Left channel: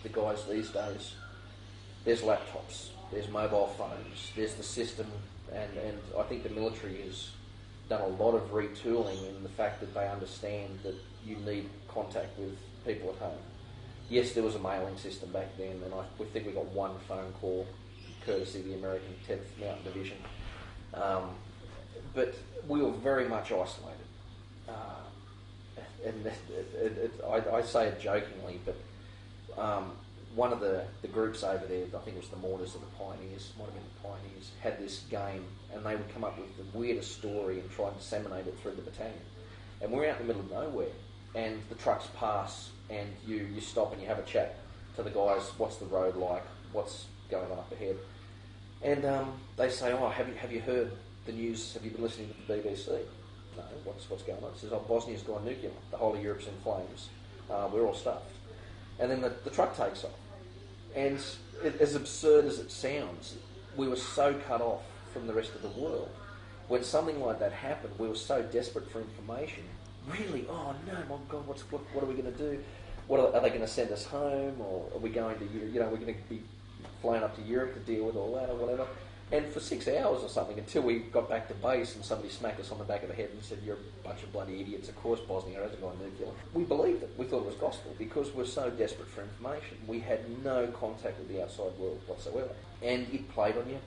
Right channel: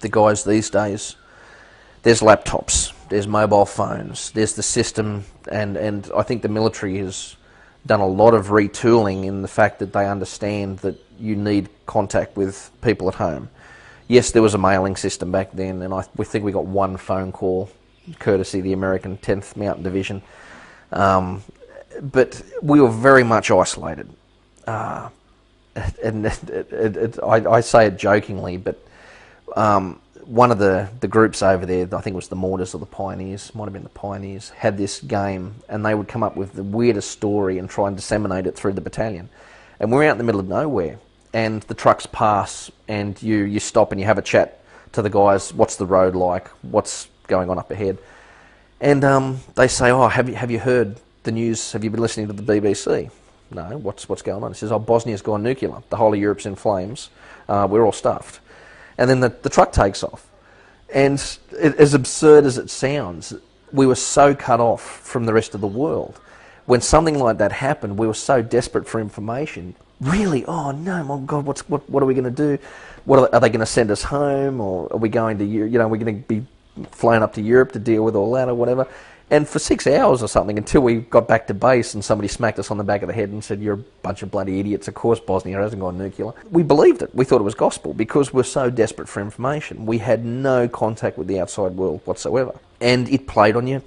the guys these days, there's laptops, there's mobile phones, there's the system, and I think the military has done a lot of retooling in the fact that they understand that you need contact with people at home. Yes, there was a mailing system back then, and we think we got one phone call, courtesy of the American 10th Mountain Division. But we were very much isolated. And I say it jokingly, but one of the groups over there, I think it was the Mortars or the Pioneers, might have been the Pioneers, had this game, and they would come up with the weirdest story and try and disseminate it through the battalion. And we're out in the middle of nowhere, and the trucks pass, and you stop and you have a chat to the guys. What's the road like? What's going on up ahead? And they say, "Oh, have you heard the news? Have you been listening to the BBC?" "No, what's going on?" He says, "Oh, Bosnia's gone nuclear. The whole of Europe's in flames. We're all stuffed." And then the truck takes off. And as absurd as it sounds, we were so cut off from the rest of the world. When something like that happened, we were so desperate for information. Really? Oh no, my God! What are we going to do? Are they going to send us home, or are we going to are we going to be flown up to Europe to deal with all that or whatever? And for 6 hours or something, until we got back to base and somebody smacked us on the back of the head and said, "You're a bunch of bloody idiots. Of course Bosnia hasn't gone nuclear." We believed it. We thought it was gospel because we're so desperate for information. We had no contact with the outside world whatsoever. And it played on your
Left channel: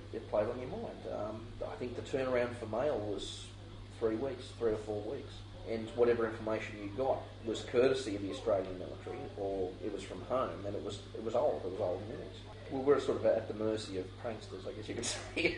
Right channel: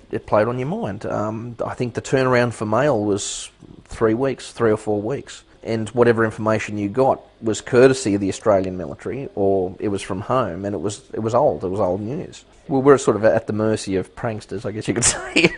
mind. I think the turnaround for mail was 3 weeks, 3 or 4 weeks. And whatever information you got was courtesy of the Australian military, or it was from home, and it was old. It was old news. Well, we're sort of at the mercy of pranksters, I guess you could say.